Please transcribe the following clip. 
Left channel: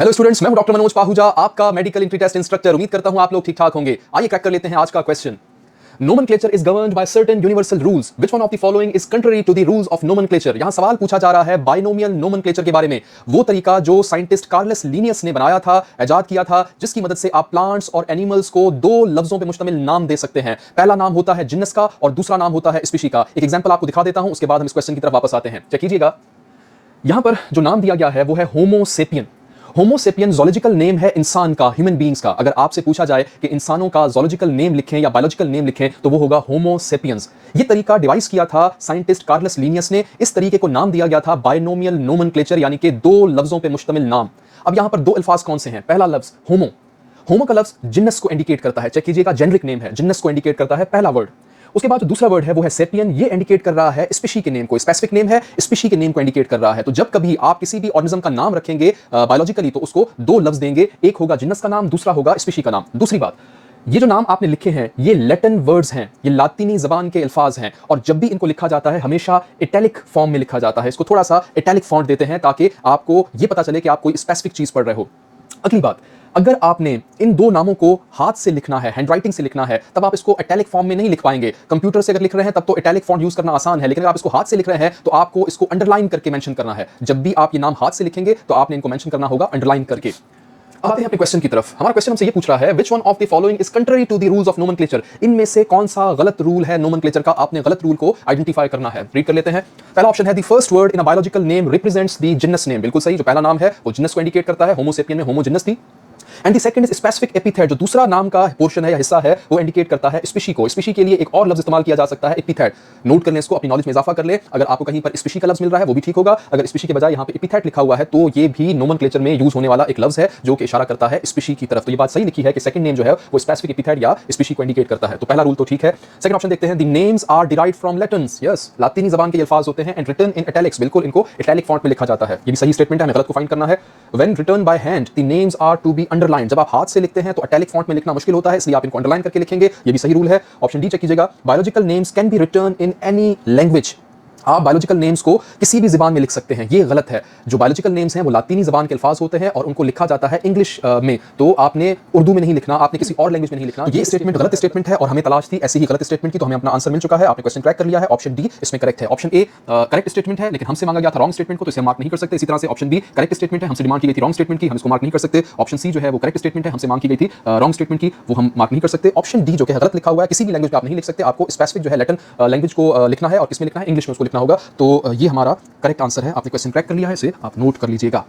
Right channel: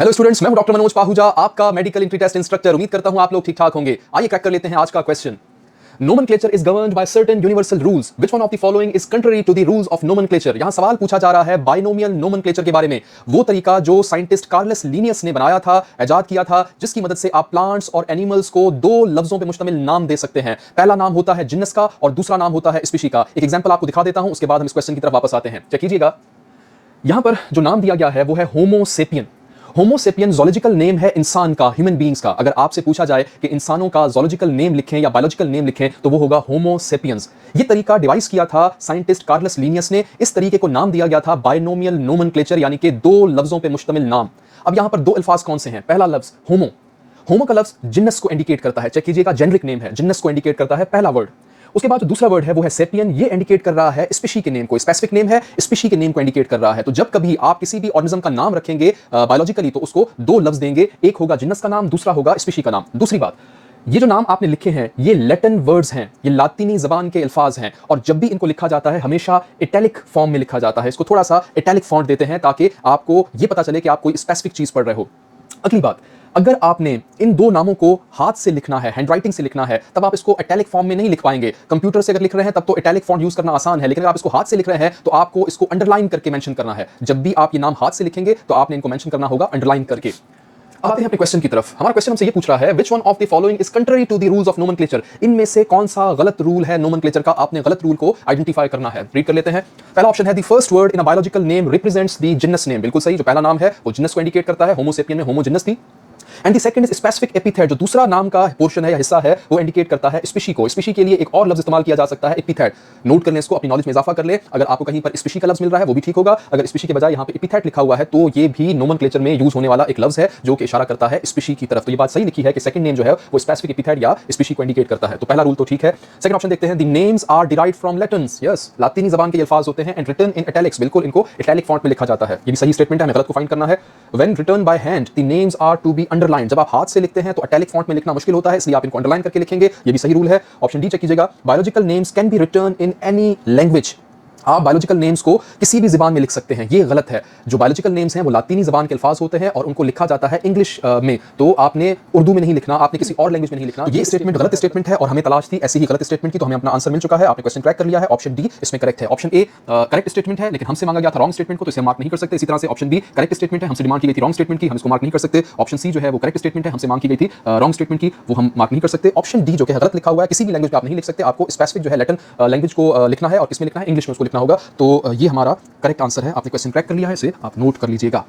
Hello students, मैं हूं doctor Manoj Pahuja, आपका मेडिकल एंट्री टेस्ट इंस्ट्रक्टर। उम्मीद करता हूं आप लोग ठीक ठाक होंगे। आइए क्रैक कर लेते हैं आज का question. Nomenclature is governed by certain universal rules, which one of the following is contrary to the rules of nomenclature. यहां सवाल पूछा जा रहा है बाइनोमियल नोमेनक्लेचर के बारे में, वो तरीका जो साइंटिस्ट कार्लस लिनियस ने बनाया था, इजाद किया था, जिसकी मदद से आप प्लांट्स और एनिमल्स को दो लफ्जों पे मुश्तमिल नाम दे सकते हैं। पहला नाम होता है जिन्नस का और दूसरा नाम होता है स्पीशी का। एक एग्जांपल आपको दिखा देता हूं, उसके बाद हम इस क्वेश्चन की तरफ वापस आते हैं। चेक कीजिएगा, यहां पर जो नाम दिया गया है वो है होमो सेपियन। होमो सेपियन जोलॉजिकल नेम है इंसान का, ह्यूमन बीइंग्स का। अगर आपसे पूछा जाए कि इंसानों का जोलॉजिकल नेम लिखें या बायोलॉजिकल नेम लिखें तो वो होगा होमो सेपियंस। ये तरीका डिवाइस किया था साइंटिस्ट कार्लस लिनियस ने। इस तरीके को नाम दिया गया था बाइनोमियल नोमेनक्लेचर, यानी कि दो लफ्जों पे मुश्तमिल नाम। अब यहां पर दो अल्फाज कौन से हैं? पहला लफ्ज होमो, होमो का लफ्ज जिन्नस को इंडिकेट करता है। चेक कीजिएगा, जेनरिक नेम है, जिन्नस को इंडिकेट करता है पहला वर्ड। उसके बाद जो दूसरा वर्ड है वो है सेपियन, ये इंडिकेट कर रहा है स्पीशी के नेम को, स्पेसिफिक नेम है, स्पीशी के नेम को इंडिकेट कर रहा है। तो जब कभी आप किसी भी ऑर्गेनिज्म का नाम रखेंगे बायोलॉजिकली, तो उसको दो लफ्ज देंगे, एक होगा जिन्नस का नाम, दूसरा होगा स्पीशी का नाम। दूसरी बात, ये जो नाम आपने लिखे हैं ये लैटिन वर्ड्स है, ये लातीनी जबान के अल्फाज हैं, और जब भी इनको लिखा जाता है हमेशा इटैलिक फॉर्म में लिखा जाता है। इसको थोड़ा सा इटैलिक फॉन्ट देते हैं ताकि आपको ये पता चले कि आप कोई स्पेसिफिक चीज पढ़ रहे हो। अगली बात, अगर आपने इन दो नामों को हाथ से लिखना है, हैंडराइटिंग से लिखना है, तब आप इसको इटैलिक फॉर्म में नहीं लिख पाएंगे। कंप्यूटर से अगर लिख रहे हैं तब तो इटैलिक फॉन्ट यूज करना आसान है, लेकिन अगर आप इसको हाथ से लिख रहे हैं तो आपको इसको अंडरलाइन करके मेंशन करना है। जब भी आप ये नाम हाथ से लिखेंगे तो आपने इनको मेंशन करना होगा अंडरलाइन करके। अब आते हैं अपने क्वेश्चन की तरफ। हमारा क्वेश्चन हमसे ये पूछ रहा है, which one of the following is contrary to the rules of nomenclature. इनमें से कौन सा गलत रूल है नोमेनक्लेचर का? आपने गलत रूल को आइडेंटिफाई करना है। रीड कर लेते हैं। पहला ऑप्शन है, the first word in a biological name represents the जिन्नस नेम। बिल्कुल सही, जो पहला नाम है वो जिन्नस को इंडिकेट करता है। होमो सेपियन में होमो जिन्नस थी। And the second is specific epithet, जो दूसरा नाम का पोर्शन है या हिस्सा है वो इंडिकेट करता है स्पीशी को। स्पीशी के लिए एक और लफ्ज इस्तेमाल किया जा सकता है, एपिथेट। नोट कर ले इसको, अपनी नॉलेज में इजाफा कर ले। अगर आपको कहीं पर स्पीशी का लफ्ज मिल रहा है वो भी ठीक होगा। अगर स्पीशी के बजाय यहाँ पे एपिथेट लिखा हुआ है तो ये भी नोमेनक्लेचर में यूज होने वाला एक लफ्ज है जो कि इशारा करता है स्पीशी की तरफ। तो ये बात सही लिखी है कि सेकंड नेम जो है वो स्पेसिफिक एपिथेट या स्पीशी को इंडिकेट करता है। तो पहला रूल तो ठीक है। सेकंड ऑप्शन देखते हैं, the names are derived from Latins. Yes, लातीनी जबान के अल्फाज होते हैं, एंड रिटन इन इटैलिक्स। बिल्कुल, इनको इटैलिक फॉन्ट में लिखा जाता है। ये भी सही स्टेटमेंट है, हमें गलत को फाइंड करना है। When written by hand the names are to be underline. जब आप हाथ से लिखते हैं तो इटैलिक फॉन्ट में लिखना मुश्किल होता है, इसलिए आप इनको अंडरलाइन करके लिखेंगे। ये भी सही रूल है। ऑप्शन डी चेक कीजिएगा, biological names can be written in any language. आप बायोलॉजिकल नेम्स को किसी भी ज़बान में लिख सकते हैं, ये गलत है। जो बायोलॉजिकल नेम्स हैं वो लातीनी ज़बान के अल्फाज होते हैं और उनको लिखा जाता है इंग्लिश में। तो आपने उर्दू में नहीं लिखना, आपने किसी और लैंग्वेज में नहीं लिखना। ये स्टेटमेंट गलत स्टेटमेंट है और हमें तलाश थी ऐसे ही गलत स्टेटमेंट की, तो हमें अपना आंसर मिल चुका है। आपने क्वेश्चन क्रैक कर लिया है। ऑप्शन डी इसमें करेक्ट है। ऑप्शन ए करेक्ट स्टेटमेंट है, लेकिन हमसे मांगा गया था रॉन्ग स्टेटमेंट को, तो इसे मार्क नहीं कर सकते। इसी तरह से ऑप्शन बी करेक्ट स्टेटमेंट है, हमसे डिमांड की गई थी रॉन्ग स्टेटमेंट की, हम इसको मार्क नहीं कर सकते। ऑप्शन सी जो है वो करेक्ट स्टेटमेंट है, हमसे मांग की गई थी रॉन्ग स्टेटमेंट की, वो हम मार्क नहीं कर सकते। ऑप्शन डी जो कि गलत लिखा हुआ है, किसी भी लैंग्वेज में आप नहीं लिख सकते, आपको स्पेसिफिक जो है लैटिन लैंग्वेज को लिखना है और इसमें लिखना है इंग्लिश में उसको लिखना होगा। तो ये हमारा करेक्ट आंसर है। आपने क्वेश्चन क्रैक कर लिया है, इसे आप नोट कर लीजिएगा।